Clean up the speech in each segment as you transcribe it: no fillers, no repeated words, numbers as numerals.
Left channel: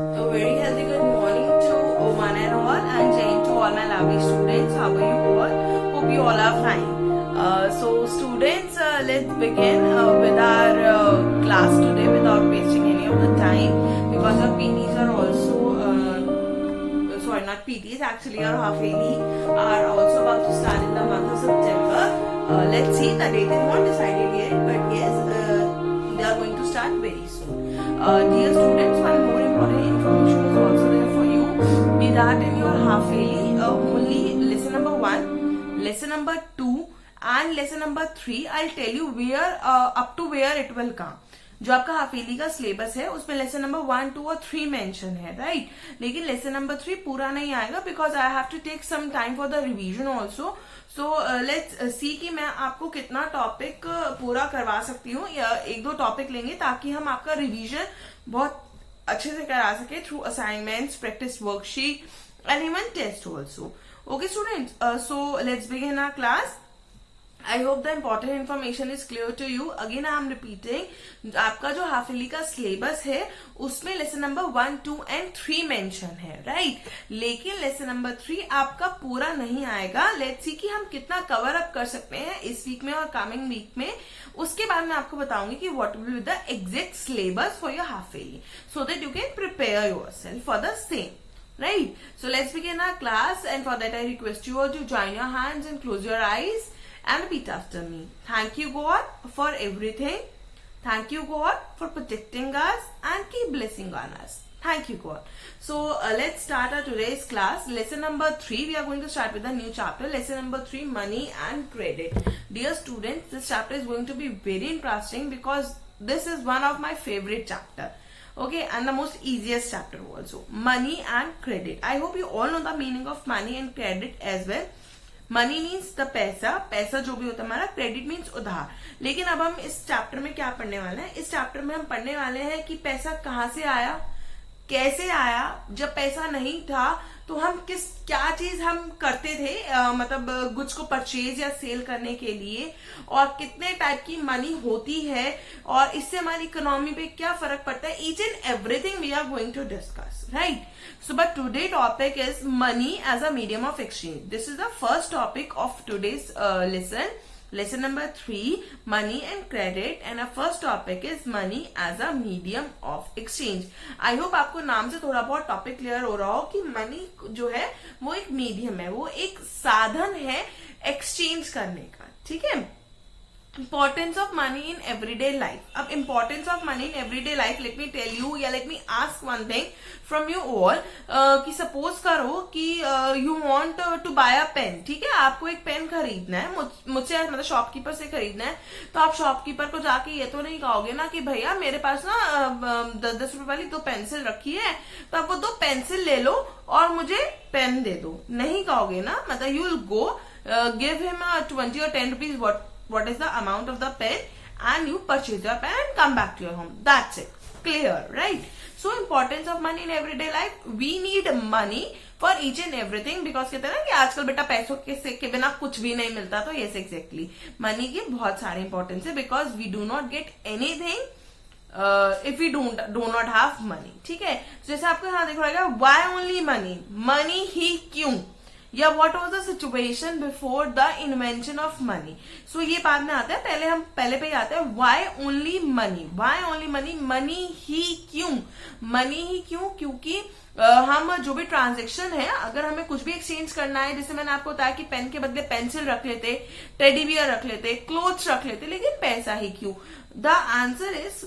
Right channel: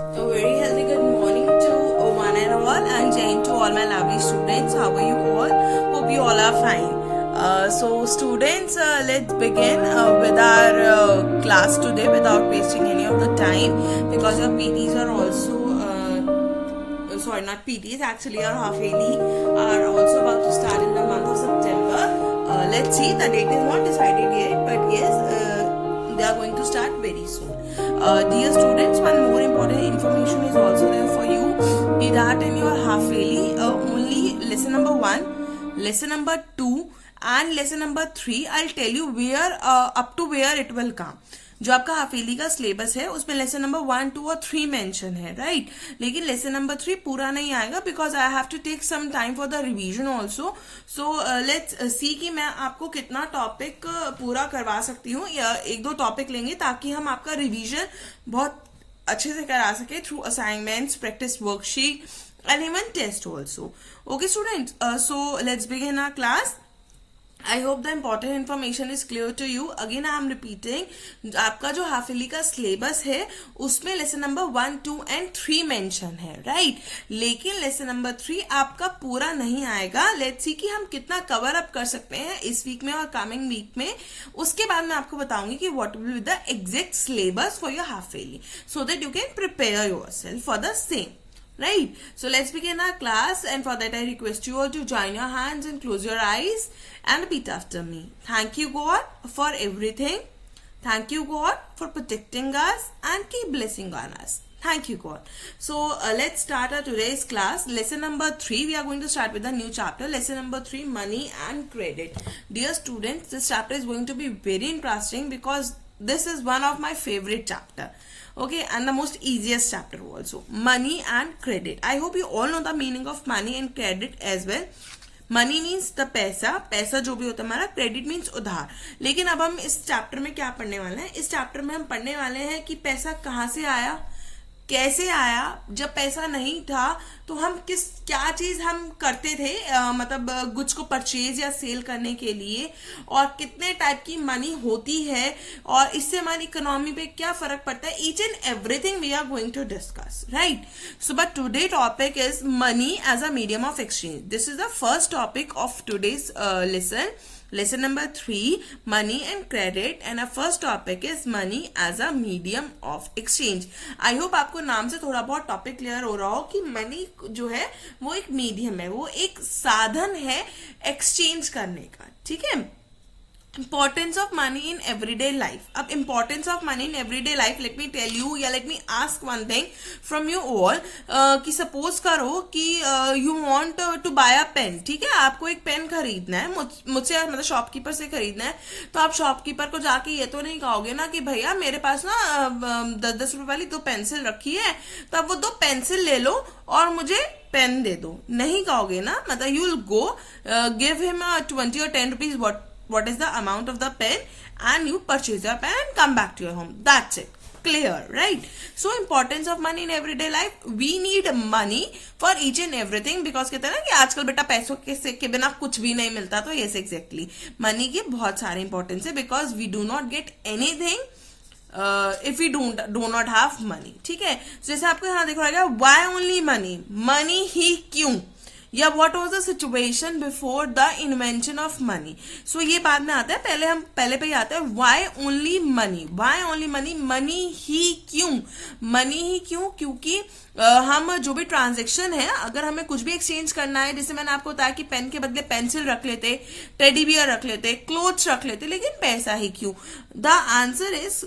A very healthy good morning to one and all, and Jane to all my lovely students. How are you all? Hope you all are fine. So students, let's begin with our class today without wasting any of the time, because your PTs are also sorry, not PTs, actually our half yearly are also about to start in the month of September. Let's see, the date is not decided yet, but yes, they are going to start very soon. Dear students, one more important information is also there for you. Be that in your half yearly, only lesson number 1, lesson number 2 and lesson number 3 I'll tell you where up to where it will come. जो आपका हाफेली का syllabus है उसमें lesson number 1, 2 और 3 mention है, right. लेकिन lesson number 3 पूरा नहीं आएगा, because I have to take some time for the revision also. So let's see कि मैं आपको कितना टॉपिक पूरा करवा सकती हूँ, या 1-2 टॉपिक लेंगे ताकि हम आपका रिवीजन बहुत अच्छे से करा सके through assignments, practice worksheet and even test also. Okay students, so let's begin our class. I hope the important information is clear to you. Again I am repeating, आपका जो हाफ ईयरली का syllabus है उसमें lesson number 1, 2 and 3 mention है, right. लेकिन lesson number 3 आपका पूरा नहीं आएगा. लेट्स सी कि हम कितना कवर अप कर सकते हैं इस वीक में और कमिंग वीक में. उसके बाद मैं आपको बताऊंगी कि what will be the exact syllabus for your half yearly, so that you can prepare yourself for the same. Right, so let's begin our class, and for that I request you all to join your hands and close your eyes and repeat after me. Thank you God for everything. Thank you God for protecting us and keep blessing on us. Thank you God. So let's start our today's class. Lesson number 3, we are going to start with a new chapter. Lesson number 3, money and credit. Dear students, this chapter is going to be very interesting because this is one of my favorite chapter. Okay, and the most easiest chapter also, money and credit. I hope you all know the meaning of money and credit as well. Money means the पैसा, पैसा जो भी होता है हमारा. Credit means उधार. लेकिन अब हम इस चैप्टर में क्या पढ़ने वाले हैं? इस चैप्टर में हम पढ़ने वाले हैं कि पैसा कहाँ से आया, कैसे आया, जब पैसा नहीं था तो हम क्या चीज हम करते थे, मतलब गुड्स को परचेज या सेल करने के लिए, और कितने टाइप की मनी होती है और इससे हमारी इकोनॉमी पे क्या फर्क पड़ता है. Each and everything we are going to discuss, right. So but today topic is money as a medium of exchange. This is the first topic of today's lesson. Lesson number 3, money and credit, and our first topic is money as a medium of exchange. I hope आपको नाम से थोड़ा बहुत topic clear हो रहा हो कि money जो है वो एक मीडियम है, वो एक साधन है एक्सचेंज करने का, ठीक है. Importance of money in everyday life. अब importance of money in everyday life, let me tell you, या let me ask one thing from you all. कि suppose करो कि you want to buy a pen, ठीक है. आपको एक pen खरीदना है, मुझसे मतलब शॉपकीपर से खरीदना है. तो आप शॉपकीपर को जाके ये तो नहीं कहोगे ना कि भैया मेरे पास ना 10-10 रुपए वाली 2 पेंसिल रखी है, तो आप वो 2 पेंसिल ले लो और मुझे पेन दे दो. नहीं कहोगे ना. मतलब you will go give him 20 or 10 rupees what is the amount of the pen, and you purchase your pen and come back to your home. That's it. Clear, right? So importance of money in everyday life. We need money for each and everything, because कहते हैं ना कि आजकल बेटा पैसों के बिना कुछ भी नहीं मिलता. तो yes, exactly. मनी की बहुत सारी इंपॉर्टेंस है, because we do not get anything if we do not have money. ठीक है. जैसे आपको यहाँ देखो रहेगा, why only money? मनी ही क्यों, या what was the situation before the invention of money? So ये बाद में आता है, पहले पे ही आता है why only money. Why only money? Money ही क्यों, मनी ही क्यों? क्योंकि हम जो भी ट्रांजेक्शन है, अगर हमें कुछ भी एक्सचेंज करना है, जैसे मैंने आपको बताया कि पेन के बदले पेंसिल रख लेते, टेडी बियर रख लेते, क्लोथ्स रख लेते, लेकिन पैसा ही क्यों? द आंसर इज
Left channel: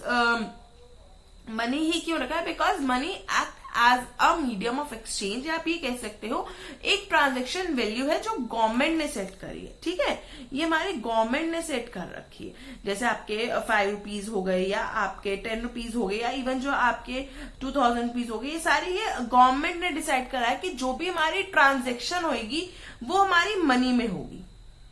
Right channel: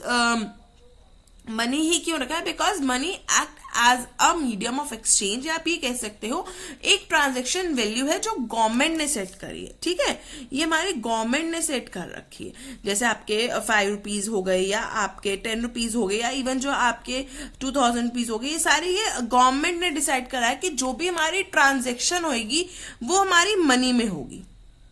मनी ही क्यों रखा है? Because money act as a medium of exchange, या आप ये कह सकते हो एक ट्रांजेक्शन वैल्यू है जो गवर्नमेंट ने सेट करी है, ठीक है. ये हमारी गवर्नमेंट ने सेट कर रखी है. जैसे आपके 5 रुपीज हो गए, या आपके 10 रुपीज हो गए, या इवन जो आपके 2000 रुपीज हो गए, ये सारे ये गवर्नमेंट ने डिसाइड करा है कि जो भी हमारी ट्रांजेक्शन होगी वो हमारी मनी में होगी.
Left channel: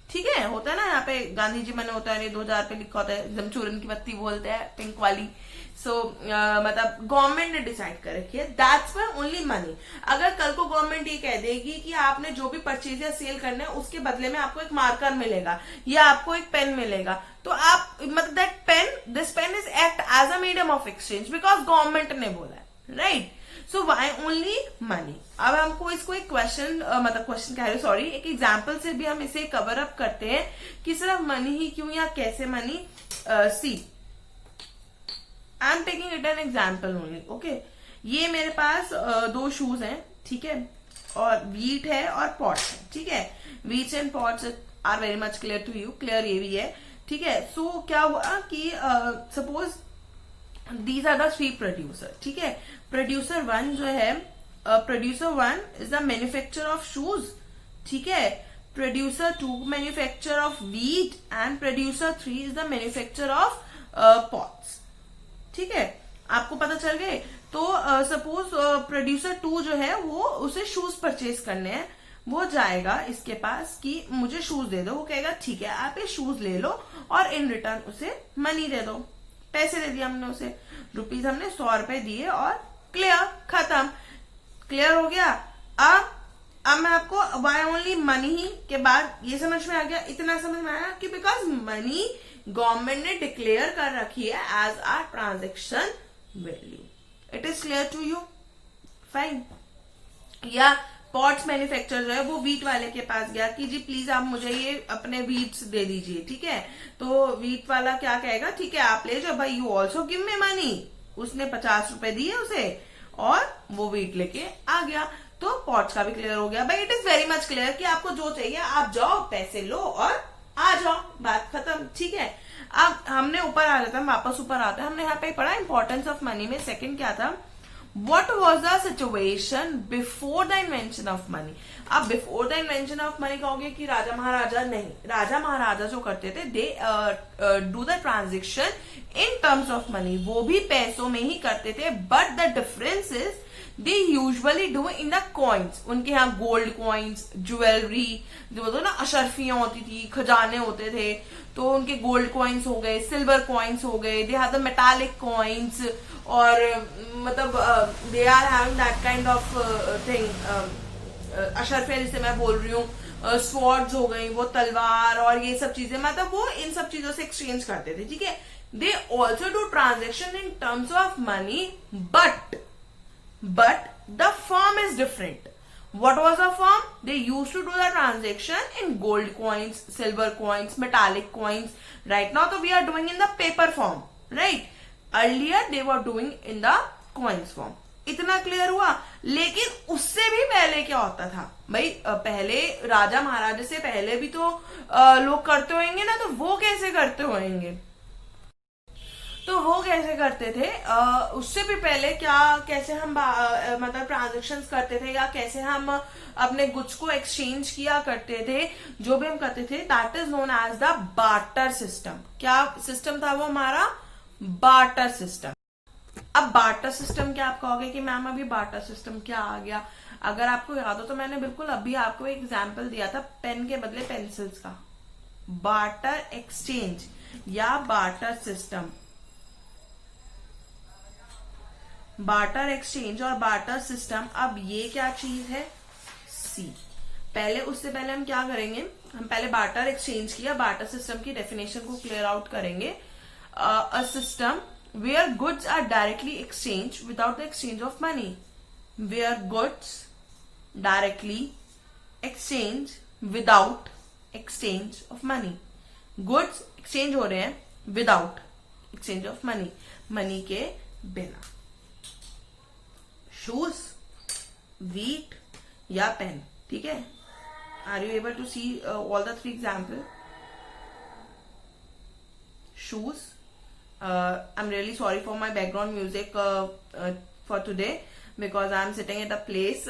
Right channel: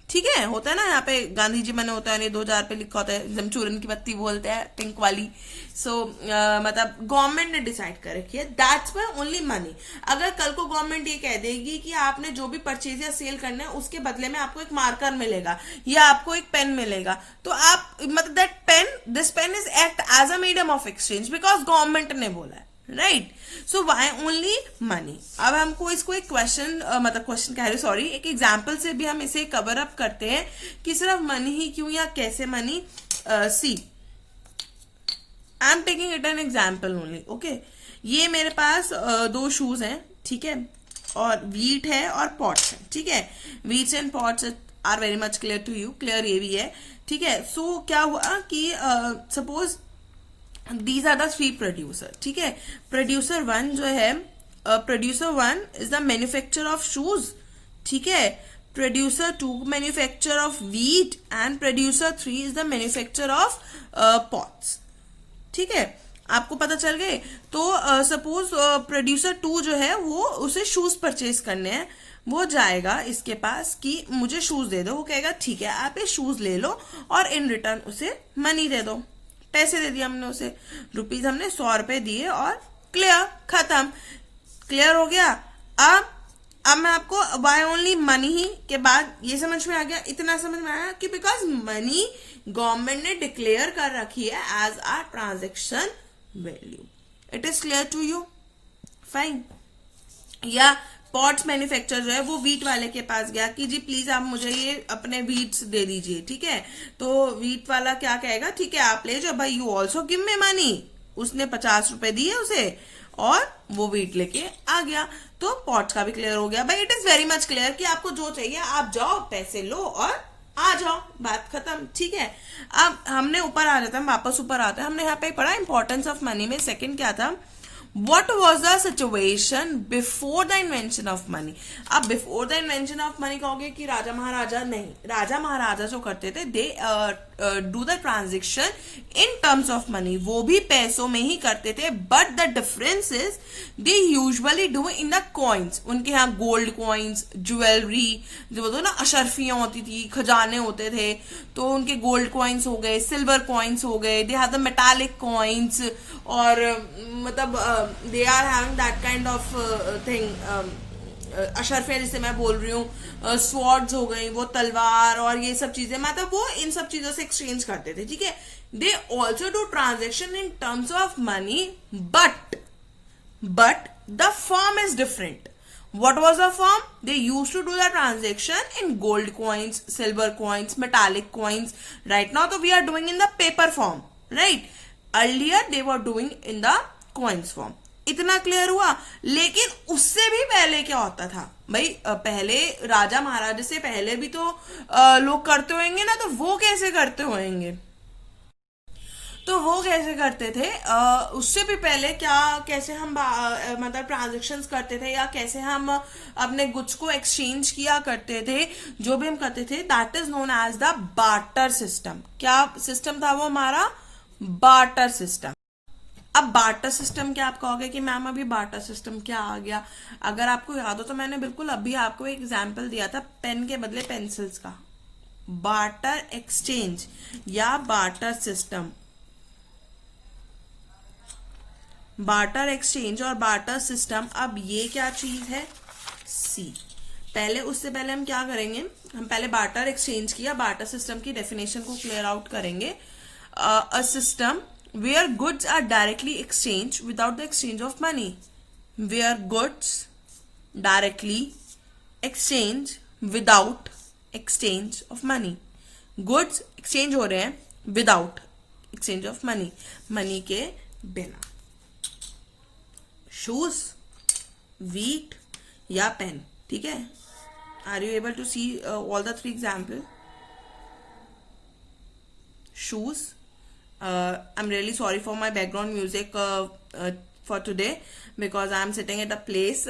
ठीक है. होता है ना, यहाँ पे गांधी जी मैंने होता है 2000 पे लिखा होता है, चूरन की पत्ती बोलते हैं, पिंक वाली. सो मतलब गवर्नमेंट ने डिसाइड कर रखी है. That's why only money. अगर कल को गवर्नमेंट ये कह देगी कि आपने जो भी परचेज या सेल करना है उसके बदले में आपको एक मार्कर मिलेगा या आपको एक पेन मिलेगा, तो आप मतलब that pen, this pen is act as a medium of exchange because government ने बोला है, right. So why only money. अब हमको इसको एक क्वेश्चन मतलब क्वेश्चन कह रहे सॉरी एक एग्जाम्पल से भी हम इसे कवर अप करते हैं कि सिर्फ मनी ही क्यों या कैसे money. See I am taking it an example only. Okay, ये मेरे पास दो शूज हैं, ठीक है, और वीट है और पॉट्स है, ठीक है. Wheats and pots are very much clear to you, clear ये भी है, ठीक है. सो क्या हुआ कि suppose these are the three producer, ठीक है. प्रोड्यूसर वन जो है, producer one is the manufacture of shoes, ठीक है. Producer two manufacture of wheat and producer three is the manufacture of pots, ठीक है. आपको पता चल गए. तो सपोज प्रोड्यूसर टू जो है वो उसे शूज परचेज करने हैं, वो जाएगा इसके पास कि मुझे शूज दे दो. वो कहेगा ठीक है आप ये शूज ले लो और इन रिटर्न उसे मनी दे दो. पैसे दे दिए हमने उसे, रुपीज हमने 100 रुपए दिए और क्लियर, खत्म. क्लियर हो गया. अब मैं आपको वाई ओनली मनी ही के बाद ये समझ में आ गया, इतना समझ में आया कि बिकॉज मनी गवर्नमेंट ने डिक्लेयर कर रखी है as our transaction value. It is clear to you, fine. या पॉट्स मैन्युफैक्चर जो है वो वीट वाले के पास गया कि जी प्लीज आप मुझे ये अपने वीट्स दे दीजिए, ठीक है. तो वीट वाला क्या कहेगा, ठीक है आप ले जाओ भाई, you also give me money. उसने 50 रुपए दिए उसे और वो वीट लेके आ गया. तो पॉट्स का भी क्लियर हो गया भाई. It is very much clear कि आपको जो चाहिए आप जाओ, पैसे लो और आ जाओ, बात खत्म, ठीक है. अब हमने ऊपर आ जाता है, वापस ऊपर आता है. हमने यहाँ पे पढ़ा इंपॉर्टेंस ऑफ मनी में सेकंड क्या था, What was the situation before the invention of money? अब before the invention of money कहोगे कि राजा महाराजा, नहीं, राजा महाराजा जो करते थे they do the transaction in terms of money, वो भी पैसों में ही करते थे. But the difference is they usually do in the coins. उनके यहाँ गोल्ड कॉइन्स, ज्वेलरी, जो बोलते ना अशरफियां होती थी, खजाने होते थे, तो उनके गोल्ड कॉइन्स हो गए, सिल्वर कॉइन्स हो गए, they have the metallic coins, और मतलब they are having that kind of thing. अशरफिया जिसे मैं बोल रही हूँ, स्वॉर्ड्स हो गई, वो तलवार और ये सब चीजें, मतलब वो इन सब चीजों से एक्सचेंज करते थे, ठीक है. They also do transaction in terms of money, but the form is different. What was the form? They used to do the transaction in gold coins, silver coins, metallic coins. Right now, we are doing in the paper form, right? Earlier, they were doing in the coins form. इतना clear हुआ. लेकिन उससे भी पहले क्या होता था भाई, पहले राजा महाराजा से पहले भी तो लोग करते होंगे ना, तो वो कैसे करते होंगे, तो वो कैसे करते थे, उससे भी पहले क्या, कैसे हम मतलब ट्रांजेक्शंस करते थे या कैसे हम अपने गुड्स को एक्सचेंज किया करते थे, जो भी हम करते थे, that is known as the barter system. क्या सिस्टम था वो हमारा, बार्टर सिस्टम. अब बार्टर सिस्टम क्या आप कहोगे कि मैम अभी बार्टर सिस्टम क्या आ गया. अगर आपको याद हो तो मैंने बिल्कुल अभी आपको एक एग्जाम्पल दिया था, पेन के बदले पेंसिल्स का. बार्टर एक्सचेंज या बार्टर सिस्टम, बार्टर एक्सचेंज और बार्टर सिस्टम. अब ये क्या चीज है, सी. पहले उससे पहले हम क्या करेंगे, हम पहले बार्टर एक्सचेंज किया, बार्टर सिस्टम की डेफिनेशन को क्लियर आउट करेंगे. A system where goods are directly exchange without the exchange of money. Where goods directly exchange without exchange of money. Goods exchange हो रहे हैं without exchange of money, money के बिना. Shoes, wheat या pen, ठीक है. Are you able to see all the three example. Shoes, I am really sorry for my background music for today because I am sitting at a place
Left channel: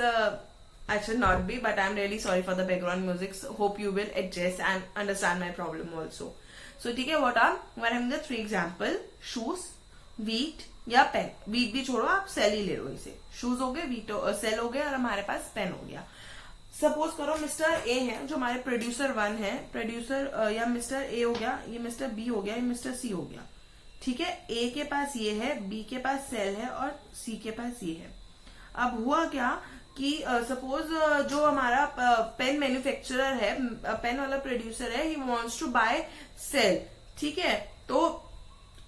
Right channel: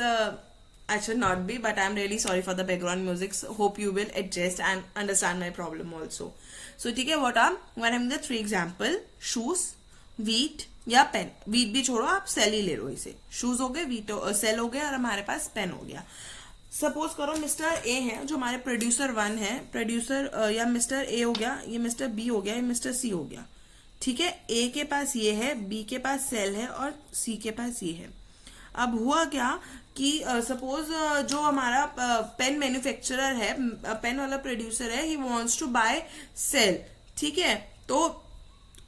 I should not be, but I'm really sorry for the background music. So hope you will adjust and understand my problem also. So ठीक है, what are when I'm the three example, shoes, wheat या pen. Wheat भी छोड़ो, आप cell ही ले लो इसे. Shoes हो गए, वीट सेल हो गया और हमारे पास पेन हो गया. सपोज करो मिस्टर ए है जो हमारे प्रोड्यूसर वन है, प्रोड्यूसर या मिस्टर ए हो गया, ये मिस्टर बी हो गया, ये मिस्टर सी हो गया, ठीक है. ए के पास ये है, बी के पास सेल है और सी के पास ये है. अब हुआ क्या कि सपोज जो हमारा पेन मैन्युफैक्चरर है, पेन वाला प्रोड्यूसर है, he wants to buy sell, ठीक है. तो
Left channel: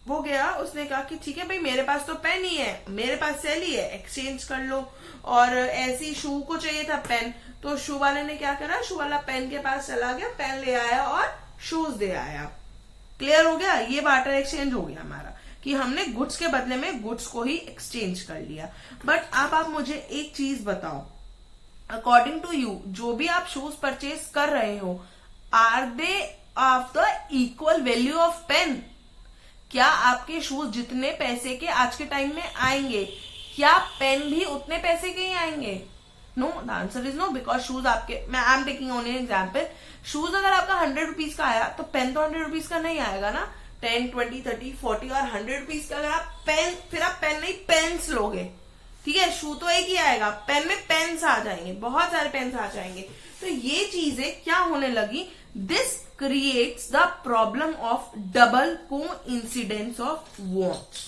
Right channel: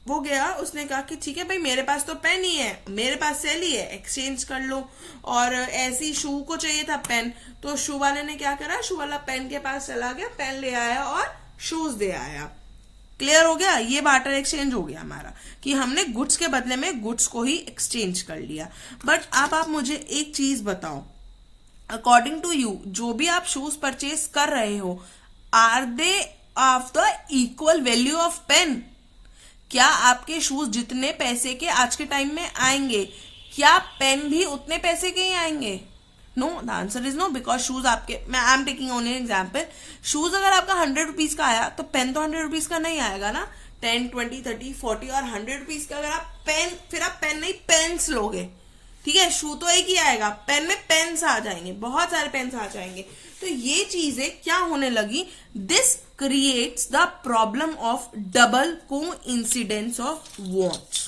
वो गया, उसने कहा कि ठीक है भाई मेरे पास तो पेन ही है, मेरे पास सेल ही है, एक्सचेंज कर लो। और ऐसी शू को चाहिए था पेन, तो शू वाले ने क्या करा, शू वाला पेन के पास चला गया, पेन ले आया और शूज दे आया। क्लियर हो गया, ये बार्टर एक्सचेंज हो गया हमारा कि हमने गुड्स के बदले में गुड्स को ही एक्सचेंज कर लिया। बट अब आप मुझे एक चीज बताओ, अकॉर्डिंग टू यू जो भी आप शूज परचेज कर रहे हो, are they of the equal value of pen? क्या आपके शूज जितने पैसे के आज के टाइम में आएंगे, क्या पेन भी उतने पैसे के ही आएंगे? No, the answer is no, because shoes आपके, मैं I am taking only example, shoes अगर आपका 100 रुपीज का आया तो पेन तो 100 रुपीज का नहीं आएगा ना, 10, 20, 30, 40 और 100 रुपीज का अगर आप पेन, फिर आप पेन नहीं पेन्स लोगे, ठीक है? शू तो एक ही आएगा, पेन में पेन्स आ जाएंगे, बहुत सारे पेन्स आ जाएंगे। तो ये चीजें क्या होने लगी, this creates the problem of double को इंसिडेंस ऑफ वॉन्ट्स।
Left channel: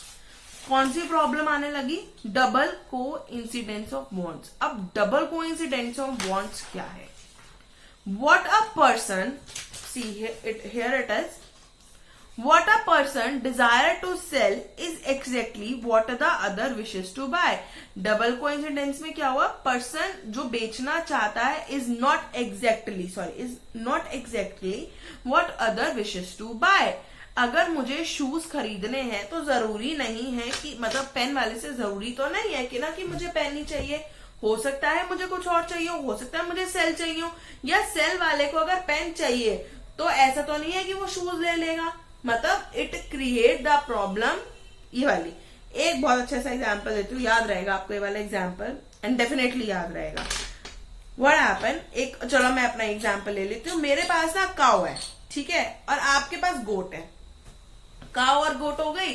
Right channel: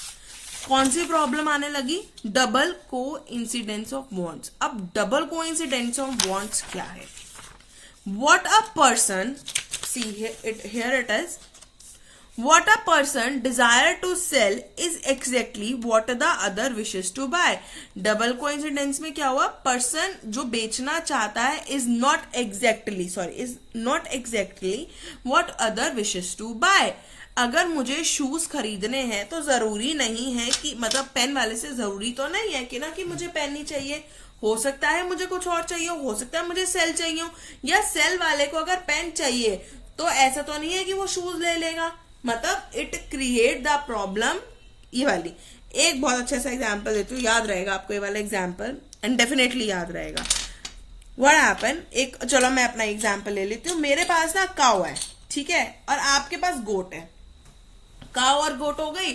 कौन सी प्रॉब्लम आने लगी, डबल को इंसिडेंस ऑफ वॉन्ट्स। अब डबल को इंसिडेंस ऑफ वॉन्ट्स क्या है? What a person, see here it is, what a person desire to sell is exactly what the other wishes to buy. Double coincidence में क्या हुआ, person जो बेचना चाहता है is not exactly what other wishes to buy. अगर मुझे shoes खरीदने हैं तो जरूरी नहीं है कि, मतलब पेन वाले से जरूरी तो नहीं है कि ना कि मुझे पेन ही चाहिए, हो सकता है मुझे कुछ और चाहिए, हो सकता है मुझे सेल चाहिए, या सेल वाले को अगर पेन चाहिए तो ऐसा तो नहीं है कि वो शूज ले लेगा। मतलब इट क्रिएट द प्रॉब्लम। ये वाली एक बहुत अच्छा सा एग्जांपल देती हूँ, याद रहेगा आपको ये वाला एग्जांपल, एंड डेफिनेटली याद रहेगा। व्हाट हैपन, एक चलो मैं अपना एग्जांपल ले लेती हूँ। मेरे पास ना काऊ है, ठीक है, और आपके पास गोट है। काऊ और गोट हो गई,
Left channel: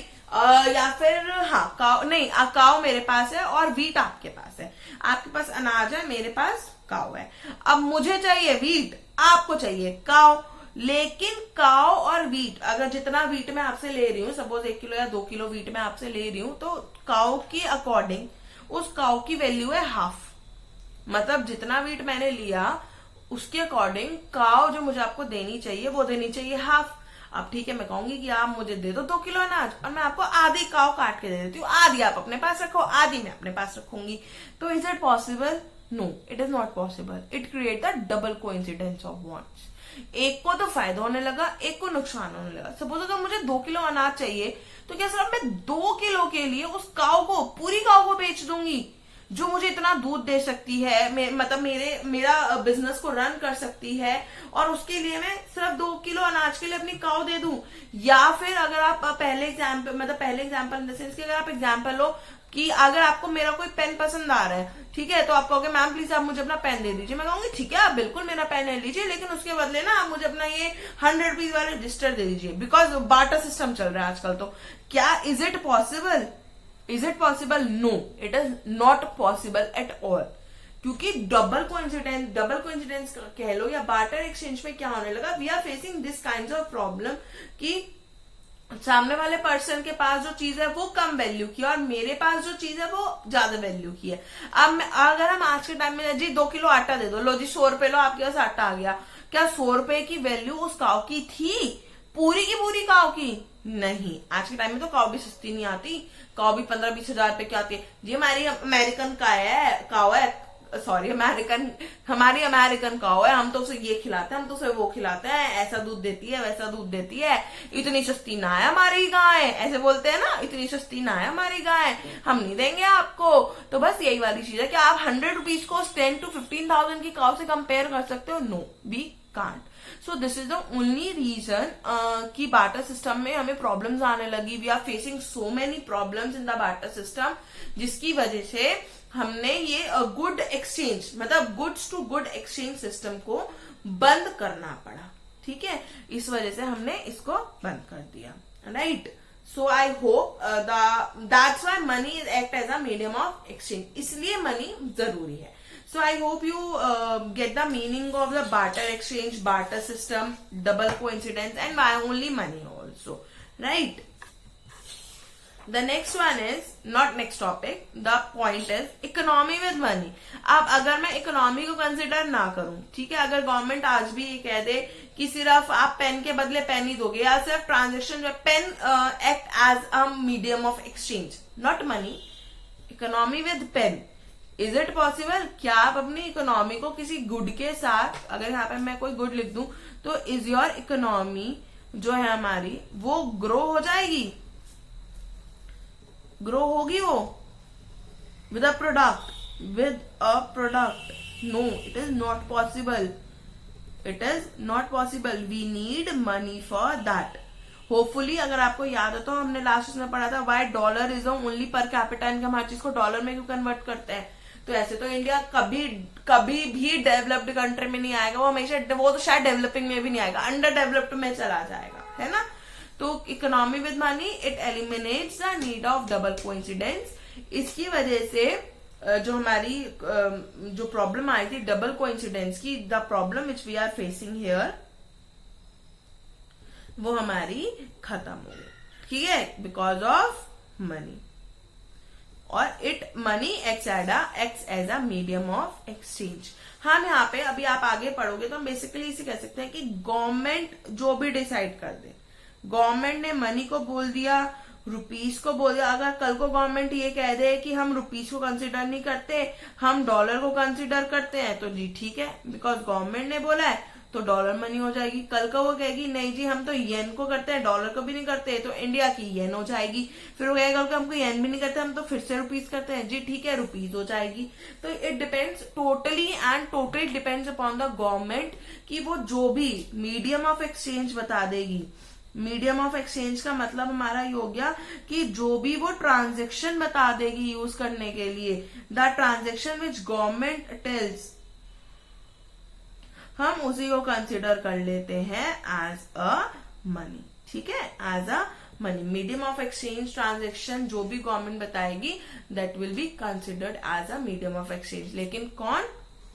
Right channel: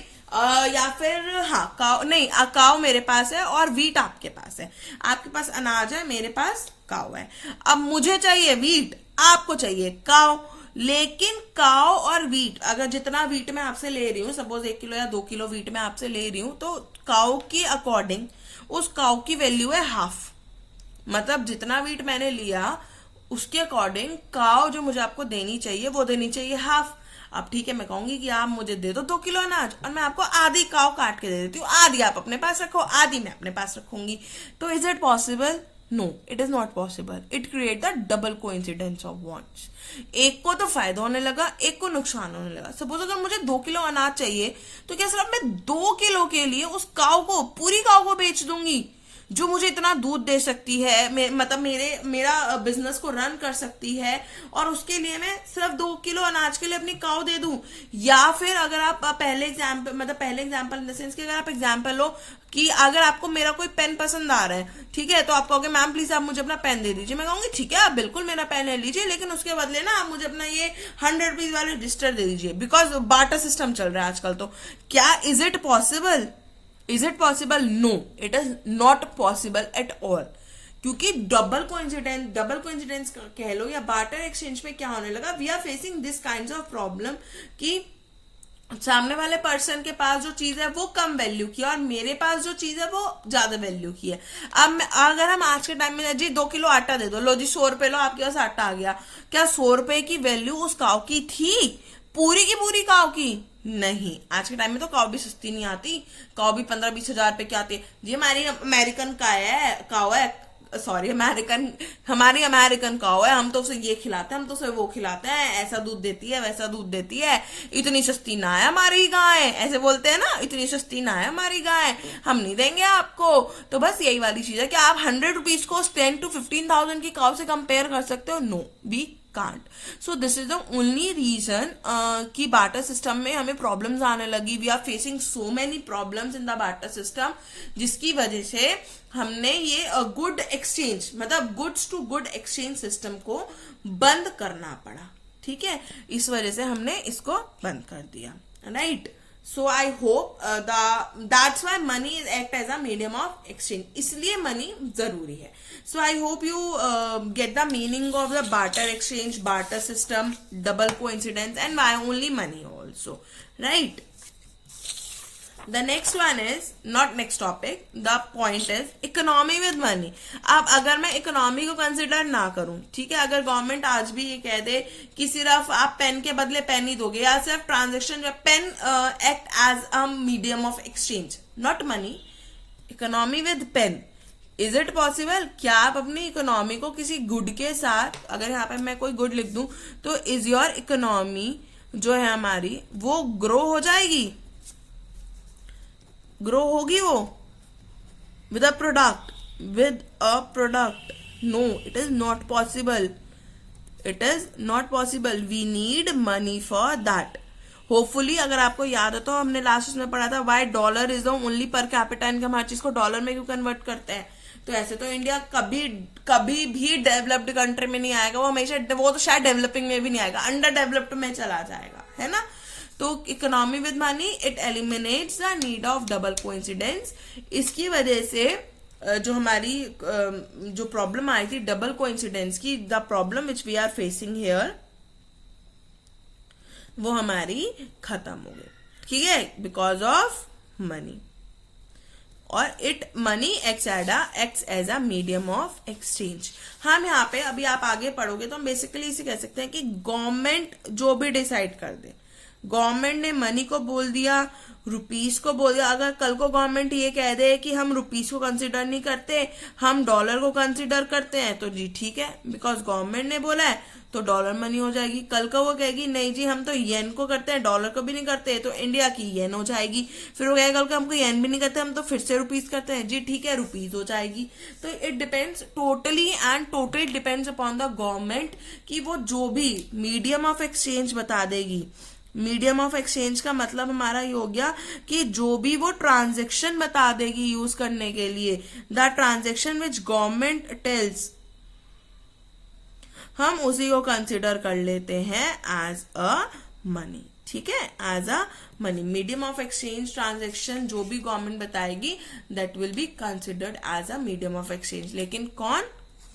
या फिर हाँ काऊ नहीं, काऊ मेरे पास है और वीट आपके पास है। आपके पास अनाज है, मेरे पास काऊ है। अब मुझे चाहिए वीट, आपको चाहिए काऊ, लेकिन काऊ और वीट, अगर जितना वीट मैं आपसे ले रही हूँ, सपोज 1 किलो या 2 किलो वीट मैं आपसे ले रही हूँ, तो काऊ के अकॉर्डिंग उस काऊ की वैल्यू है हाफ। मतलब जितना वीट मैंने लिया उसके अकॉर्डिंग काऊ जो मुझे आपको देनी चाहिए वो देनी चाहिए हाफ। अब ठीक है, मैं कहूंगी कि आप मुझे दे दो 2 किलो अनाज और मैं आपको आधी काऊ काट के दे देती हूँ, आधी आप अपने पास रखो, आधी मैं अपने पास रखूंगी। तो is it possible? No, it is not possible. It create the double coincidence of wants. एक को तो फायदा होने लगा, एक को नुकसान होने लगा। सपोज अगर मुझे 2 किलो अनाज चाहिए तो क्या सिर्फ मैं 2 किलो के लिए उस काऊ को, पूरी काऊ को बेच दूंगी जो मुझे इतना दूध दे सकती है, मतलब मेरा बिजनेस को रन कर सकती है, और उसके लिए मैं सिर्फ 2 किलो अनाज के लिए अपनी काऊ दे दूं? या फिर अगर आप पहले एग्जाम्पल इन द सेंस कि अगर आप एग्जाम्पल लो कि अगर आपको मेरा कोई पेन पसंद आ रहा है, ठीक है, तो आप कहोगे मैम प्लीज आप मुझे अपना पेन दे दीजिए। मैं कहूंगी ठीक है, आप बिल्कुल मेरा पेन ले लीजिए, लेकिन उसके बदले ना आप मुझे अपना ये 100 रुपीज वाले रजिस्टर दे दीजिए, बिकॉज बार्टर सिस्टम चल रहा है आजकल। तो क्या is it possible? Is it possible? No, it is not possible at all. क्योंकि डबल कोइंसिडेंस कह लो या बार्टर एक्सचेंज में क्या होने लगा, we are facing this kind of problem कि सामने वाले पर्सन के पास जो चीज है वो कम वैल्यू की है और मेरे पास जो चीज है वो ज्यादा वैल्यू की है। अब अगर हम आज के टाइम में जी 2 किलो आटा दे दो, लो जी 100 रुपए लो, आपके पास आटा आ गया, क्या 100 रुपए की वैल्यू उस काऊ की थी? पूरी की पूरी काऊ की नहीं। आज के टाइम में तो काऊ भी सस्ती नहीं आती, काऊ भी 15-20 हजार रुपए की आती है। जी हमारी अमेरिकन काऊ है, सॉरी हमारी अमेरिकन काऊ है, हम तो उसे ये खिलाते हैं, हम तो उसे वो खिलाते हैं, ऐसा दूध देती है, वैसा दूध देती है, इतनी सस्ती ना है हमारी गाय, ऐसे बोलते हैं ना, इतनी सस्ती ना है हमारी गाय, हम नहीं देंगे आपको। तो बस यही वाली चीज है कि आप 100 रुपीज को 10 to 15,000 की काऊ से कंपेयर कर सकते हो? No, we can't. So this is the only reason कि बार्टर सिस्टम में हमें प्रॉब्लम्स आने लगी। We are facing so many problems in the barter system, जिसकी वजह से हमने ये गुड एक्सचेंज, मतलब goods to good exchange system को बंद करना पड़ा। ठीक है, इस वजह से हमने इसको बंद कर दिया, right. So I hope that's why money is act as a medium of exchange. इसलिए money जरूरी है. So I hope you get the meaning of the barter exchange, barter system, double coincidence, and why only money also, right? The next one is not next topic. The point is economy with money. अब अगर मैं economy को consider ना करूं, ठीक है, अगर government आज भी ये कह दे कि सिर्फ आप पेन के बदले पेन ही दोगे या सिर्फ ट्रांजेक्शन में pen act as a medium of exchange, not money, economy with pen, is it possible? क्या आप अपनी इकोनॉमी को किसी गुड के साथ, अगर यहाँ पे मैं कोई गुड लिख दूं तो इज योर इकोनॉमी जो है हमारी वो ग्रो हो जाएगी, ग्रो होगी वो with a product, with a product? No, it is not possible. It is not possible. We need money for that. Hopefully अगर आपको याद हो तो हमने लास्ट में पढ़ा था why dollar is the only per capita income, हर चीज को डॉलर में क्यों कन्वर्ट करते हैं. तो ऐसे तो इंडिया कभी भी डेवलप्ड कंट्री में नहीं आएगा, वो हमेशा, वो तो शायद डेवलपिंग में भी नहीं आएगा, अंडर डेवलप्ड में चला जाएगा, है ना. तो economy with money it eliminates the need of double coincidence. इसकी वजह से जो हमारी जो प्रॉब्लम आई थी डबल कोइंसिडेंस की, the problem which we are facing here, वो हमारी खत्म हो गई, ठीक है, बिकॉज ऑफ मनी. और it money acts as a medium of exchange. हम यहाँ पे अभी आप आगे पढ़ोगे तो हम बेसिकली इसे कह सकते हैं कि गवर्नमेंट जो भी डिसाइड कर दे, गवर्नमेंट ने मनी को बोल दिया, रुपीस को बोल दिया. अगर कल को गवर्नमेंट ये कह दे कि हम रुपीस को कंसिडर नहीं करते, हम डॉलर को कंसिडर करते हैं, तो जी ठीक है, बिकॉज गवर्नमेंट ने बोला है तो डॉलर मनी हो जाएगी. कल को वो कहेगी नहीं जी हम तो येन को करते हैं, डॉलर को भी नहीं करते, तो इंडिया की येन हो जाएगी. फिर वो कहेगा कल को हमको येन भी नहीं करते, हम तो फिर से रुपीस करते हैं, जी ठीक है, रुपीस हो जाएगी. तो it depends totally depends upon the government कि वो जो भी मीडियम ऑफ एक्सचेंज बता देगी. मीडियम ऑफ एक्सचेंज का मतलब हमारा ये हो गया कि जो भी वो ट्रांजेक्शन बता देगी यूज करने के लिए, the transaction which government tells, हम उसी को कंसिडर कर लेते हैं एज अ मनी, ठीक है, as a money. Medium of exchange transaction जो भी गवर्नमेंट बताएगी that will be considered as a medium of exchange. लेकिन कौन?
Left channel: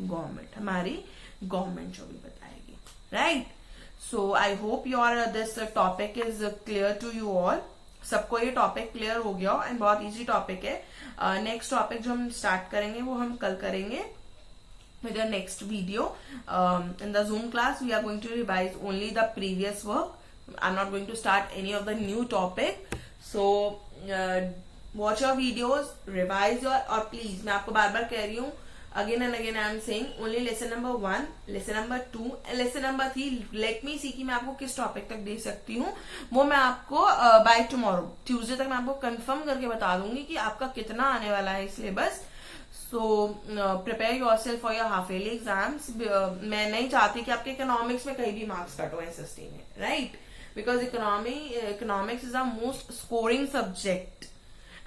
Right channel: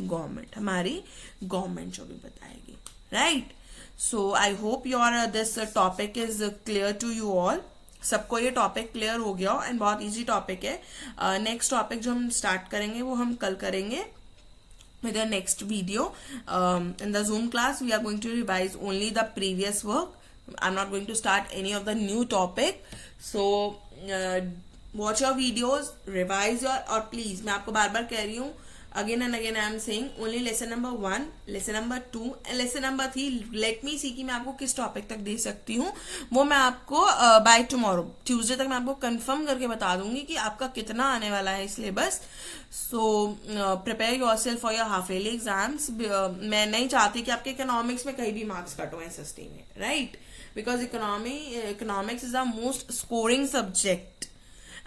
गवर्नमेंट, हमारी गवर्नमेंट जो भी बताएगी, right. So I hope your this topic is clear to you all. सबको ये टॉपिक क्लियर हो गया एंड बहुत इजी टॉपिक है. नेक्स्ट टॉपिक जो हम स्टार्ट करेंगे वो हम कल करेंगे with the next video. In the Zoom class we are going to revise only the previous work. I'm not going to start any of the new topic. So watch your videos, revise your, और please मैं आपको बार बार कह रही हूँ, again and again I am saying only lesson number 1, lesson number 2 and lesson number 3. let me see कि मैं आपको किस टॉपिक तक दे सकती हूँ, वो मैं आपको बाय टुमारो ट्यूसडे तक मैं आपको कंफर्म करके बता दूंगी कि आपका कितना आने वाला है syllabus. So prepare yourself for your half yearly exams. मैं नहीं चाहती कि आपके इकोनॉमिक्स में कहीं भी मार्क्स कट हो SST में, right, because economics is the most scoring subject.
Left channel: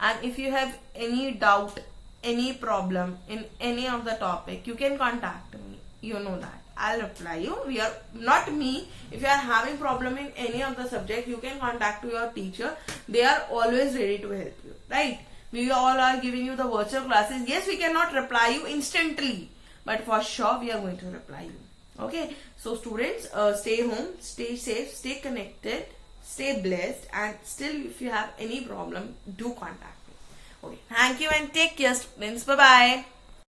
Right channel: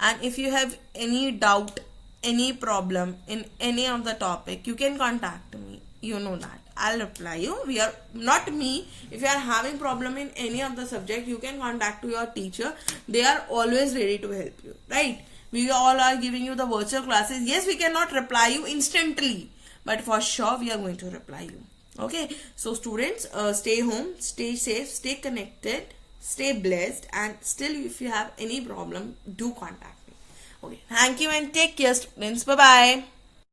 And if you have any doubt, any problem in any of the topic, you can contact me, you know that I'll reply you. We are not me, if you are having problem in any of the subject, you can contact to your teacher, they are always ready to help you, right. We all are giving you the virtual classes. Yes, we cannot reply you instantly, but for sure we are going to reply you. Okay, so students, stay home, stay safe, stay connected, stay blessed, and still if you have any problem, do contact. Okay. Thank you and take care, students. Bye bye.